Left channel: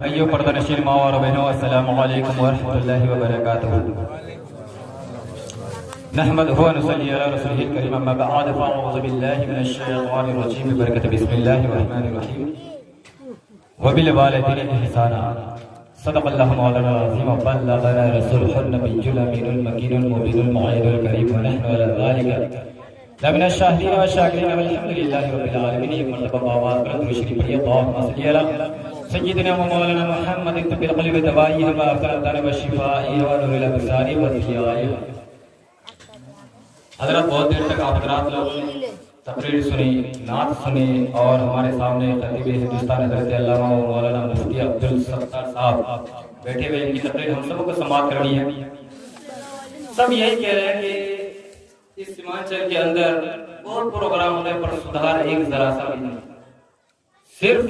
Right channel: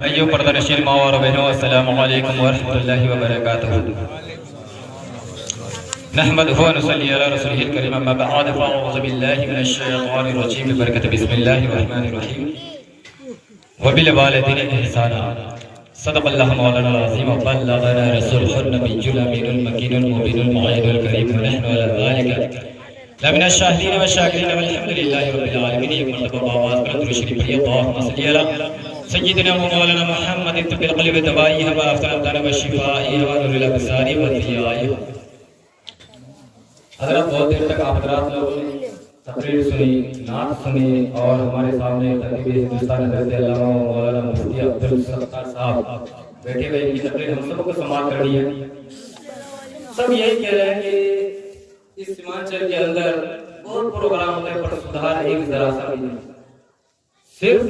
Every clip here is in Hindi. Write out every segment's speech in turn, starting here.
भाइयों पर्दानशील माँ और बहनों, अस्सलामु अलैकुम वरहमतुल्लाहि वबरकातुहू। नहमदुहु व नुसल्ली अला रसूलिहिल करीम, अम्मा बअद, फ़अऊज़ु बिल्लाहि मिनश शैतानिर रजीम, बिबरकति बिस्मिल्लाहिर रहमानिर रहीम। व बिल वालिदैनि इहसाना। सदक़ल्लाहु मौलाना अज़ीम व बल्लगना रसूलुहुन नबिय्युल अमीनुल मकीनुल मुबीनुल मुअय्यिदुल करीम, व नहनु अला ज़ालिका लमिनश शाहिदीन व शाकिरीन वल्हम्दुलिल्लाहि रब्बिल आलमीन। एक मरतबा आवाज़ कर दुरूद शरीफ पढ़िए। अल्लाहुम्मा सल्लि अला सय्यिदिना मौलाना मुहम्मद तब्बिल क़ल्बि दवाई व अफ़्ज़ल दाना व शिफ़ाई व नूरुल अब्सारी व ज़ियाई। हज़रत बहुत देर तक आप हज़रात लोग तकरीर सुनी, नात सुनी और हमारे सामने खतीब हिंदुस्तान हज़रत अल्लामा मौलाना मुफ्ती अब्दुल सत्तार साहब बैठे हुए, इनकी तकरीर हम सबको समाप्त करनी है। सब यही कह रहे हैं कि इस सीमांचल के अंदर बहुत प्रोग्राम होने पर सुधार एक जरा सा नहीं, सिर्फ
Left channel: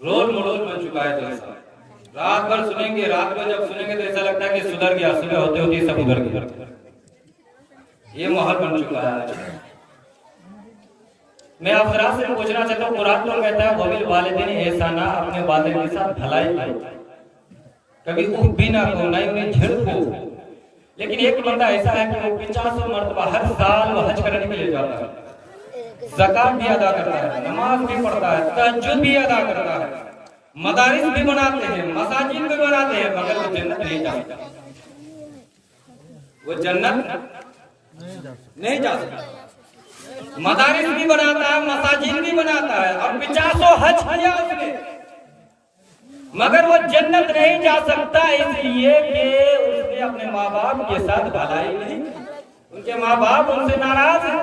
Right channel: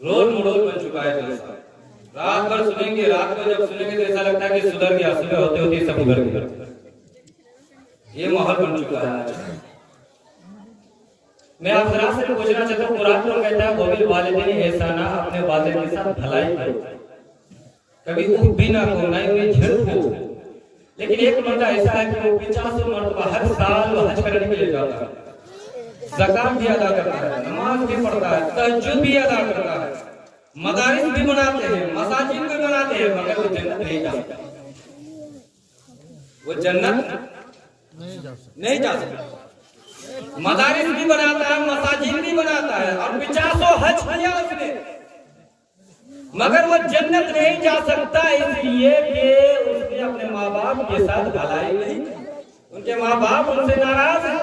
रोल मॉडल बन चुका है जैसा। रात भर सुनेंगे, रात को जब सुनेंगे तो ऐसा लगता है कि सुधर गया, सुबह होते होते सब उधर गया। ये माहौल बन चुका है। मैं आप जरा से पूछना चाहता हूँ, कुरान तो कहता है वबिल वालिदैनि एहसाना, अपने वालिद के साथ भलाई करो, कभी ऊब भी ना करो, ना ही झिड़क हो। लेकिन एक बंदा ऐसा है कि वो 50 मरतबा हर साल वो हज करने के लिए जाता है, ज़कात भी अदा करता है, नमाज भी पढ़ता है, तहज्जुद भी अदा करता है, मदारिस भी बनाते हैं, मसाजिद भी बनाते हैं, मगर वो जन्नत नहीं जाता। वो जन्नत नहीं जा सकता। मदारिस भी बनाता है, मसाजिद भी बनाता है और 50 हज किया उसने, मगर वो जन्नत नहीं जा सकता, इसलिए कि उसने अपने माँ बाप के साथ भलाई नहीं, उनके माँ बाप उनसे नाराज है।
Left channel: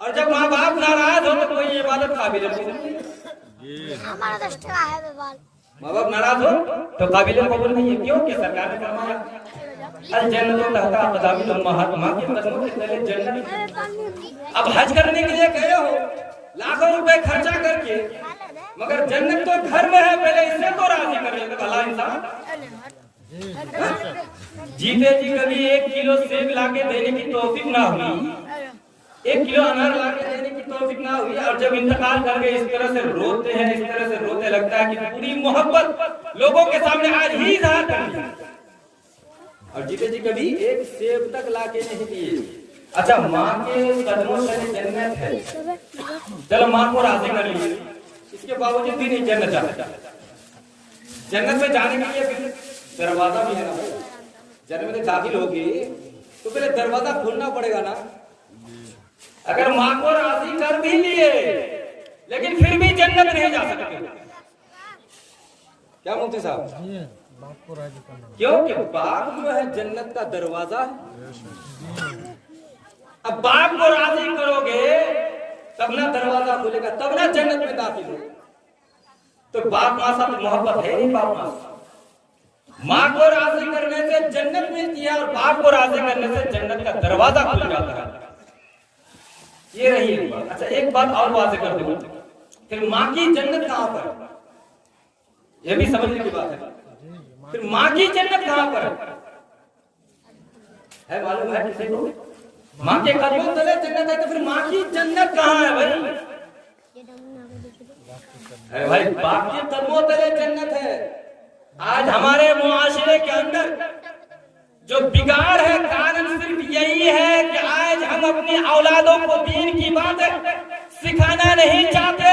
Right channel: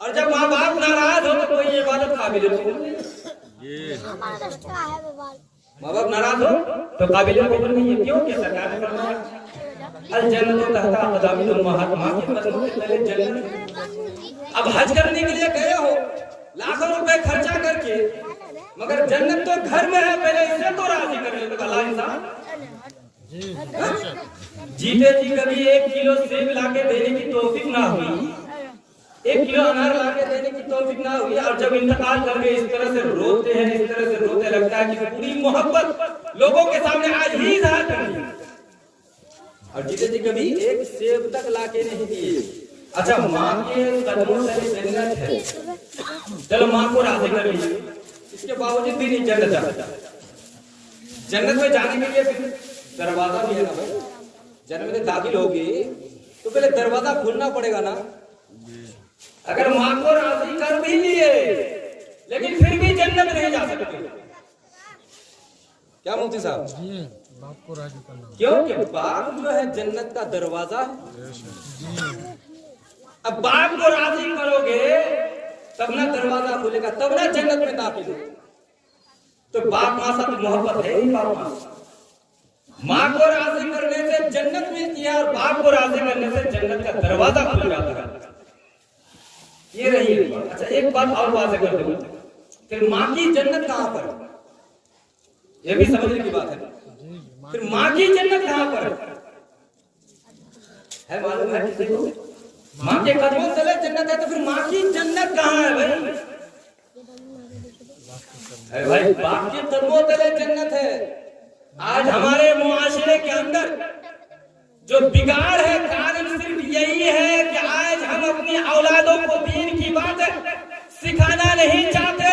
और जब माँ बाप नाराज हो तो कोई इबादत काबिल नहीं। माँ बाप नाराज हो तो काबिल कबूल नहीं है। क्यों? कि सरकार ने फरमाया अल जन्नतु तहता अक़दामिल उम्महात, माँ के कदमों के तले जन्नत। अब हज करने के लिए गए हो लाखों रुपए खर्चा करके, मगर जन्नत तो घर में है, पहले इसे तो राजी कर ले। भला इंसान जीते जी कभी 1 किलो सेब लाके देने की तौफीक ना हुई, 1 किलो अनार लाके देने की तौफीक ना हुई, और जब इंतकाल कर गए इस तरह से रोते हैं, इस तरह से रोते लगता है कि पूरी मोहब्बत लोगों के सामने आज ही इज़हार करनी है। और जीते जी कभी 1 सेब तक लाके नहीं दिए। अच्छा, माँ के कदमों से जन्नत है, चलो माँ को राजी कर लिए, इसके बावजूद भी नहीं जन्नत जाता। जन्नत में जाने के लिए फिर दरवाजा भी है ना भाई। जन्नत में दाखिल होगी तो पहले दरवाजा खोलना पड़ेगा ना। अगर माँ को राजी कर भी लिए लेकिन फिर भी जन्नत नहीं जा सकते। क्या मुफ्ती साहब? बाप को राजी करना, क्योंकि बाप जो है जन्नत का दरवाजा है। अब बाप को राजी करोगे तब ना दरवाजा खुलेगा, तब ना जन्नत में दाखिल हो। तो बाप माँ साथ मोहब्बत है ही। बाप माँ को राजी करने से जन्नत मिलती है और बाप को राजी करने से जन्नत का दरवाजा खुल जाता है। ये रही एक बात। अच्छा, एक बात और वाज़ेह कर दूं, फिर माँ की जन्नत कहाँ पर? ये भी समझने की बात है। फिर माँ की जन्नत कहाँ पर है? मालूम है किसी को? माँ के कदमों तले जन्नत है, तो फिर माँ की जन्नत कहाँ है भाई? अरे भाई, बाप के कदमों तले जन्नत है। आज हमारे मुआशरे के अंदर जो बिगाड़ है, कारण सिर्फ यही है कि आज हम अपनी औलादों को दीन की बात सिखाना नहीं चाहते,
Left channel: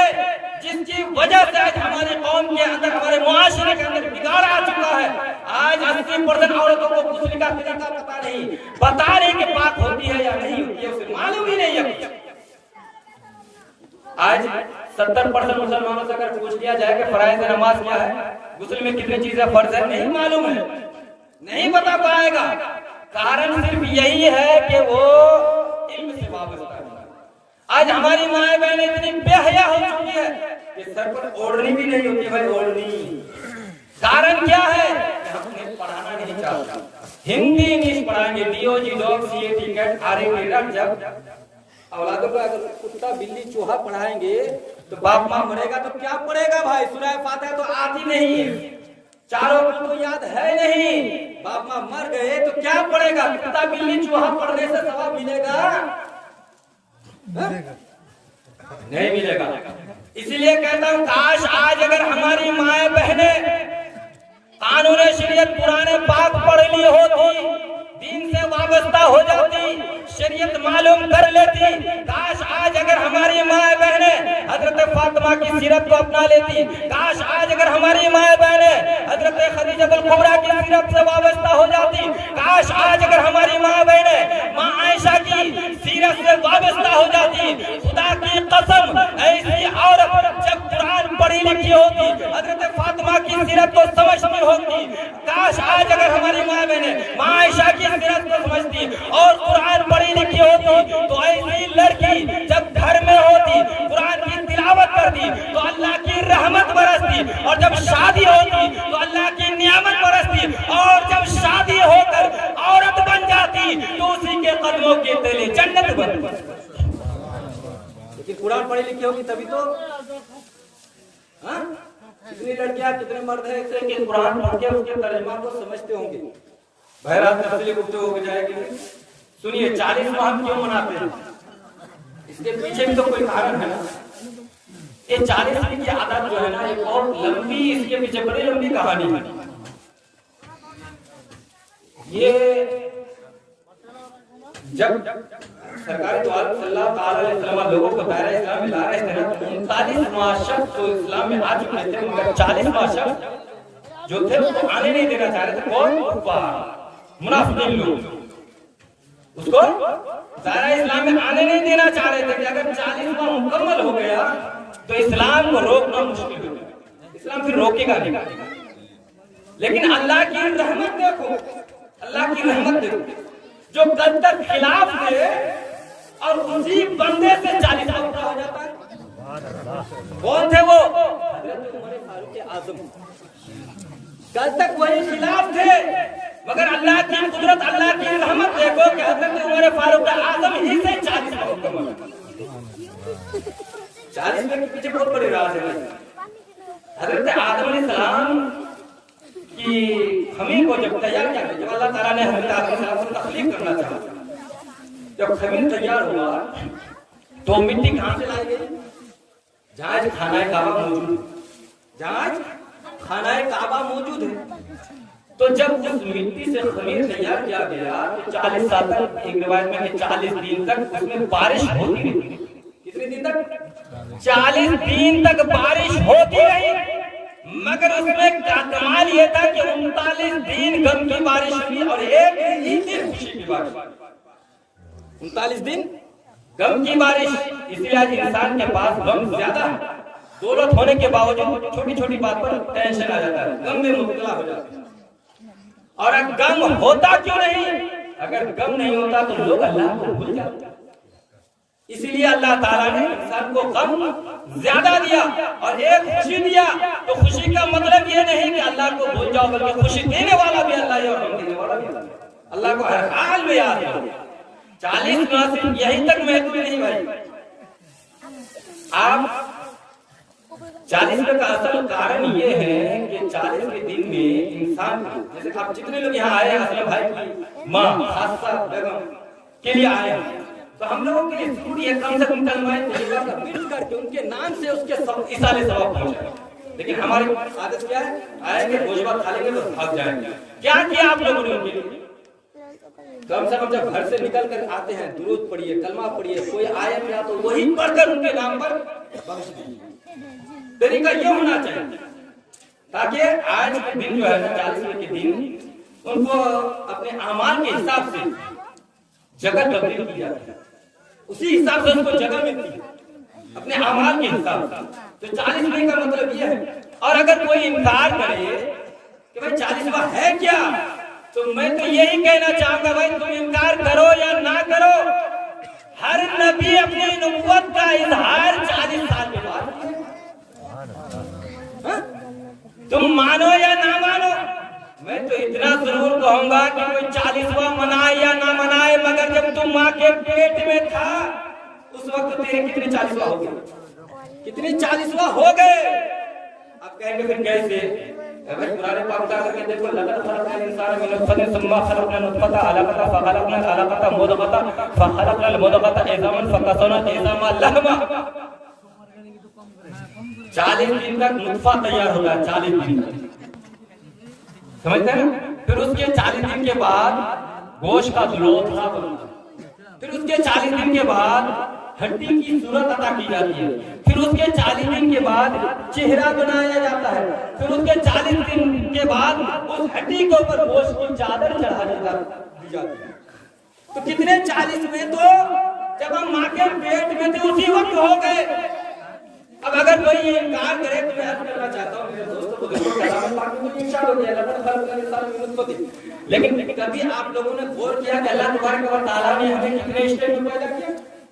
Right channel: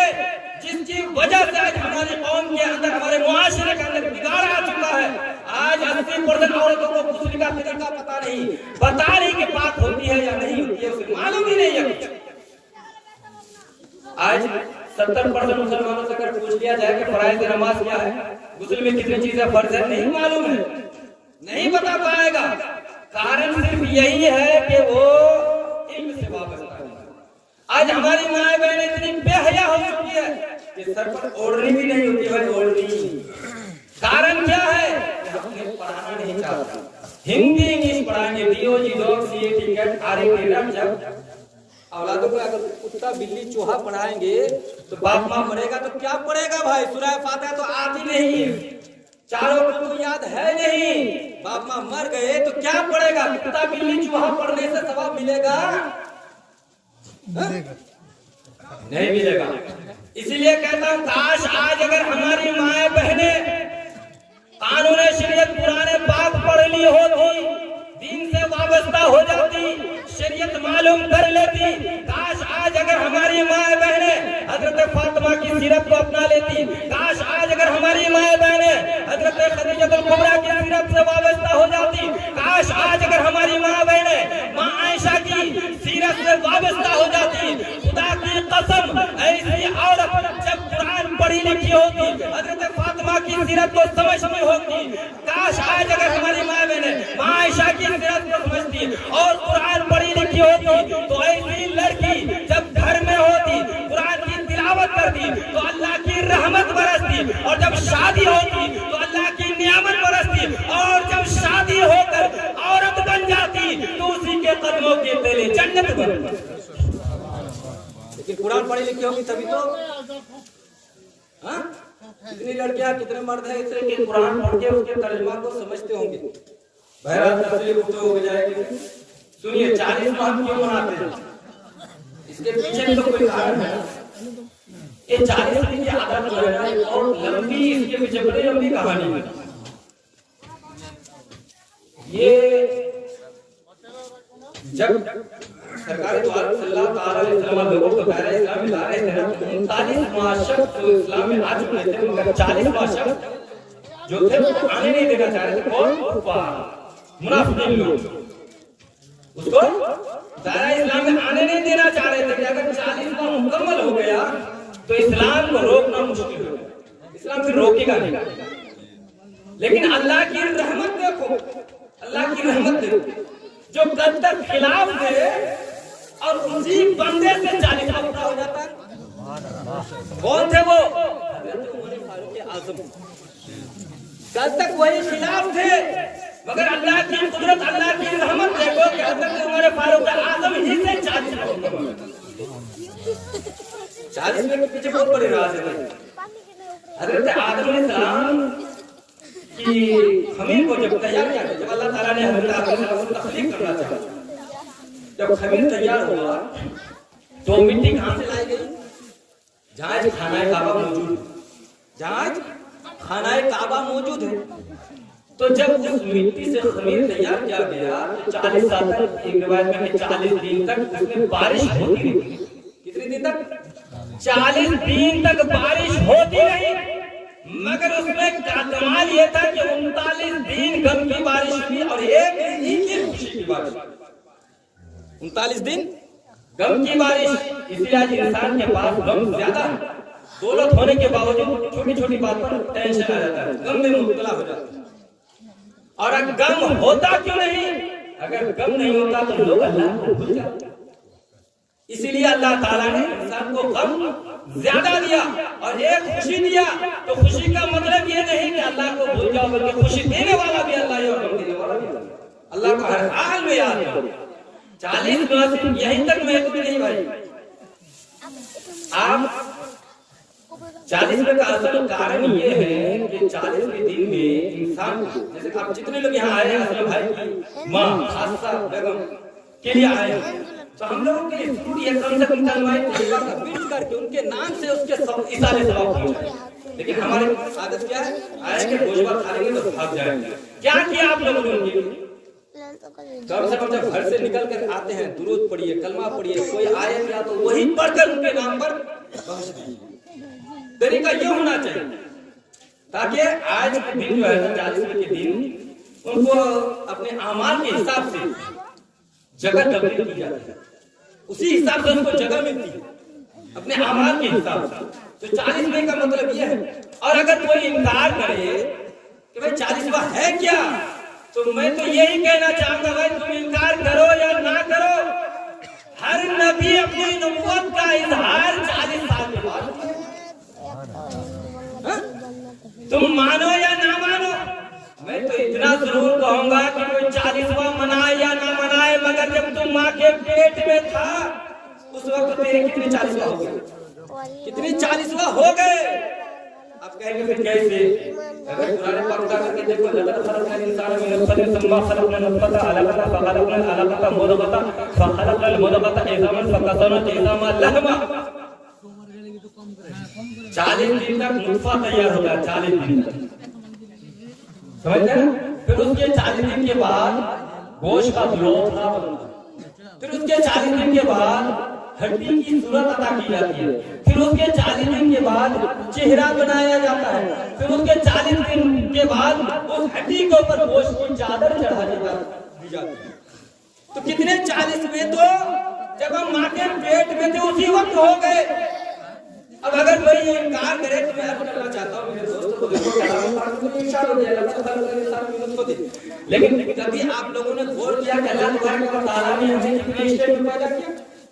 जिसकी वजह से आज हमारे कौम के अंदर, हमारे मुआशरे के अंदर बिगाड़ आ चुका है। आज 80% औरतों को गुस्ल का तरीका पता नहीं, बता रही कि पाक होती है या नहीं होती है, उसे मालूम ही नहीं है। आज 70% मुसलमानों से अगर पूछ लिया जाए कि फराइज़ नमाज क्या है, गुस्ल में कितनी चीजें फर्ज है, नहीं मालूम है, नहीं बता पाएगा। कारण सिर्फ यही है कि वो इल्म से वाबस्ता है। आज हमारी माए बहनें इतनी बेहया हो चुकी है कि सर पर ओढ़नी भी नहीं होती भाई, ओढ़नी। कारण क्या है? हमने पढ़ाना नहीं चाहता। हिंदी इंग्लिश पढ़ाएंगे, डीओजी डॉग सीए टिकट आरे के रख। जब औलादों को अगर कुत्ता बिल्ली चूहा पढ़ाएंगे तो बाप माँ मरेगा तो क्या पढ़ेगा भाई? सूरह फातिहा तो आती नहीं, चारों को तो याद है नहीं। बाप माँ मर गए तो क्या पढ़ेगा? कुत्ता बिल्ली चूहा पढ़ने से सवाब मिलेगा? नहीं मिलेगा। इसलिए कहता हूँ काश आज अगर हमारी माए बहने कानून शरीयत पुराने पाक पढ़ ली होती, दीन से वाबस्ता हो जाती, शरीयत मालूम कर लेती। काश आज अगर हमारी माए बहने हजरत फातिमा की सीरत को अपना लेती। काश आज अगर हमारी माए बहने हजरत खदीजतुल कुबरा की सीरत से वाबस्ता हो जाती। काश आज अगर हमारी माए बहने मां आयशा की सीरत से वाबस्ता हो जाती। खुदा की कसम, ऐसी औरत जब कुरान पढ़ी लिखी होती, हजरत फातिमा की सीरत को समझती होती। काश आज अगर हमारी माए बहने मां आयशा की सीरत को समझती और कुरान पढ़ी लिखी होती, तो ऐसी लड़की जब घर में होती, कुरान की तिलावत करती, तो अल्लाह की रहमत बरसती, और जब शादी होती तो अल्लाह की नियामत बरसती, और जब शादी होकर औरत बन जाती तो उसी के कदमों की तेली जन्नत बनती। लेकिन कुरान पढ़ी लिखी होगी तभी तो। हाँ, कितनी लड़कियां कितने मर्द हैं ऐसे कि कुरान पढ़ के उसके तर्जुमा को समझते होंगे। बहरहाल तफसीली गुफ्तगू हो जाएगी। सुनिए, 40 माह क्यों मनाते हैं, इसके पीछे भी तो कोई कारण है। ये 40 दिन की आदत जो है ना, ये बहुत लंबी, इसके पीछे बड़ी लंबी कहानी है। ये जब सरकार द्वारा सल्लल्लाहु अलैहि वसल्लम लोगों को दायरा इस्लाम में ला रहे थे, 39 माशक तो इस्लाम में आ चुके थे, मगर 40 माशक जो थे वो आने नहीं देना चाह रहे थे। कौन? मुनाफिकीन लोग उसको दायरा इस्लाम में आने नहीं देना चाह रहे थे कि अगर 40 माह मुकम्मल हो गया तो इस्लाम को रोकना मुश्किल हो गया, इस्लाम फिर रोकेगा नहीं। लेकिन अल्लाह की रहमत देखो, अल्लाह की रहमत देखो, जो कल तक खिलाफ थे और उसी बंदे से 40 माह पूरा हो जाता है। कौन थे वो? हजरत उमर फारूक आजम। कल तक वही खिलाफ थे, मगर अल्लाह की कुदरत, अल्लाह की रहमत देखो कि हजरत उमर फारूक आजम ही से 40 माह 40 के पीछे बहुत बड़ी राज है। हजरत आदम अलैहिस्सलाम की खमीर को जब तैयार किया, जब अल्लाह ताला ने हजरत आदम को तख्लीक करना चाहा, जब खमीर तैयार हुआ तो मिट्टी कहां से लाई गई? जहां खाना काबा मौजूद है, जहां खाना काबा मौजूद है। तो जब उस मिट्टी से खमीर तैयार किया गया तो 40 साल तक, एक रिवायत में कि 40 दिन तक उसमें बारिश होती रही। कितने दिन तक? 40 दिन तक बारिश होती रही। मगर उसमें कमाल ये था कि 39 दिन गम की बारिश हुई और एक दिन खुशी की बारिश। 39 दिन गम की बारिश। इसलिए आज इंसान के पास गम ज्यादा है, दौलत होने के बावजूद छोटी छोटी बात पर टेंशन आ जाता है, गम में मुब्तला हो जाता है। और अगर गम होता क्यों नहीं? अगर गम नहीं होता तो लोग अल्लाह को भूल जाते। इसीलिए अल्लाह ताला ने इंसान को गम ज्यादा दिया और एक खुशी दिया। तो खुशी का मतलब ये नहीं कि अल्लाह को भूल जाओ, बल्कि खुशी देने वाला भी अल्लाह है और गम देने वाला भी अल्लाह को हर हाल में याद करो। 40 माह यही तक महत्व नहीं भाई। आप 40 का असल कारण ये है कि 40 के दिन में इंसान, जैसे आप जितने लोग यहाँ आए हैं असलम भाई की माँ खासा बेगम के लिए आए हैं, तो हम लोगों के लिए जरूरी है कम से कम तलवार मिल करके उनके नाम से उसके सब इशारे सवाब पहुंचाए। लेकिन हमारी आदत क्या है? आए के भोजवा खा लेंगे तो भाग जाएंगे। क्या किया आप लोगों ने उनके लिए? कम से कम जब घर से निकल कर आते हैं दुरूद पढ़िए, कलमा पढ़िए, कोई आयत या तो वही पढ़कर उनके नाम पर बख्श दीजिए। तरीका ये होना चाहिए ताकि आज के दिन जो है 40 के दिन उनको अपने अमाल के हिसाब से जगह तब्दील की जाती है, उसी हिसाब से उनको जगह मिलती है अपने अमाल के हिसाब से। तो 40वें का मतलब ये है। और अगर कोई इनकार करे कि भाई 40वां है क्या, तो मैं तो यही कहना चाहूंगा भाई तुम इनकार करो या ना करो, हर नबी अपनी नबूवत का इजहार 40 साल के बाद। तुम मानो या ना मानो, मैं तो इतना जरूर कहूंगा कि कोई 40वां मनाए या ना मनाए, मगर जब तुम माँ के पेट में था उस वक्त तेरे कितने 40वां हो गए? कितने 40वां हो गए? आप कहेंगे फिर कैसे? अगर पुराने पाक करके देखो, लक़द खलक़नल इंसान मिन नुत्फ़तिन सुम्मा खलक़नल नुत्फ़ता अलक़ता फ़ख़लक़नल अलक़ता मुद्ग़ता फ़ख़लक़नल मुद्ग़ता इज़ामन फ़कसवनल इज़ामा लहमा। 40 दिन तक नुत्फा तैयार होता है, 40 दिन तक, समझते हैं। फिर उसके 40 दिन के बाद गोश्त का लोथा बनता है। फिर उसके 40 दिन के बाद हड्डी की सूरत अदा की जाती है। फिर उसके 40 दिन के बाद चेहरा बनाया जाता है। फिर उसके 40 दिन के बाद उस हड्डी के ऊपर गोश्त की चादर चढ़ा दी जाती है। तो कितने 40 में, तो जब हम माँ के पेट में थे उसी वक्त हो गए। अब अगर कोई ये काम करे तो मैं अर्ज करना चाहता हूँ मेरे दोस्तों को, लेकिन कभी आप लोगों ने गौर किया कि अल्लाह तबारक व तआला ने हमें कितने स्टेट में पैदा किया?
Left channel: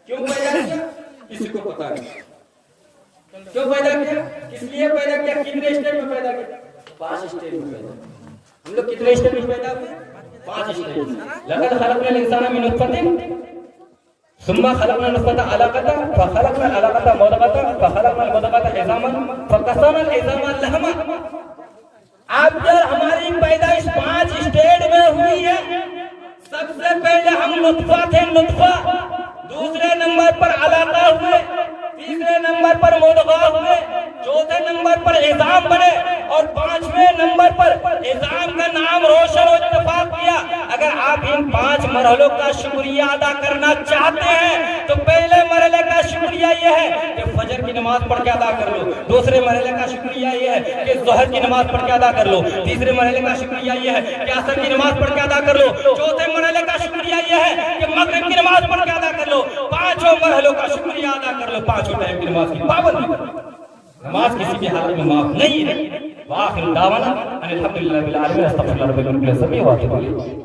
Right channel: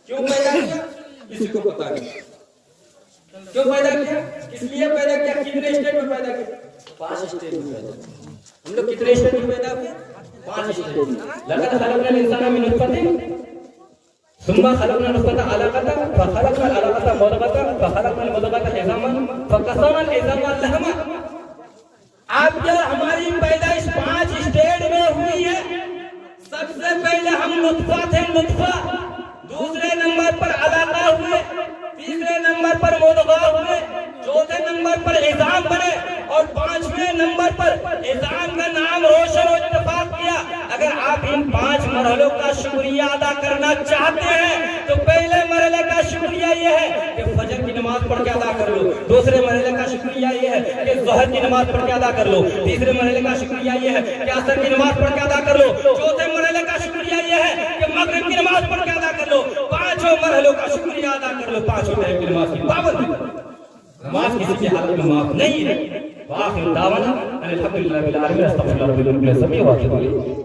क्यों पैदा किया किसी को पता नहीं। क्यों पैदा किया, किस लिए पैदा किया, कितने स्टेट में पैदा किया? 5 स्टेट में पैदा किया। हम लोग कितने स्टेट में पैदा हुए? 5 स्टेट में। लक़द खलक़नल इंसान मिन नुत्फ़तिन सुम्मा खलक़नल नुत्फ़ता अलक़ता फ़ख़लक़नल अलक़ता मुद्ग़ता फ़ख़लक़नल मुद्ग़ता इज़ामन फ़क़स्सवनल इज़ामा लहमा। आप जब हमारी पैदाइश 5 स्टेट में हुई है। सबसे पहले हम नुत्फ़ा थे, नुत्फ़ा। दूसरे नंबर पर अलक़ा हुए, तीसरे नंबर पर मुद्ग़ा हुए, चौथे नंबर पर इज़ाम बने और 5वें नंबर पर इज़ाम का नाम रोशन और इत्तेफ़ाक किया। अगर आप इन 5 मरहलों का शुक्रिया अदा करना चाहते हैं तो पहले मरहले का शुक्रिया ये है कि फजर की नमाज पढ़ के अदा कर लो। दूसरे मरहले का शुक्रिया ये है कि ज़ोहर की नमाज पढ़ के अदा कर लो। तीसरे मरहले का शुक्रिया ये है कि असर की नमाज पढ़ के अदा कर लो। चौथे मरहले का शुक्रिया ये है कि मगरिब की नमाज पढ़ के अदा कर लो। 5 मरहलों का शुक्रिया अदा कर लो। 5 टाइम की नमाज की पाबंदी, नमाज किसी भी हालत में माफ नहीं है। वाखिर दावाना अनिल हम्दुलिल्लाहि रब्बिल आलमीन।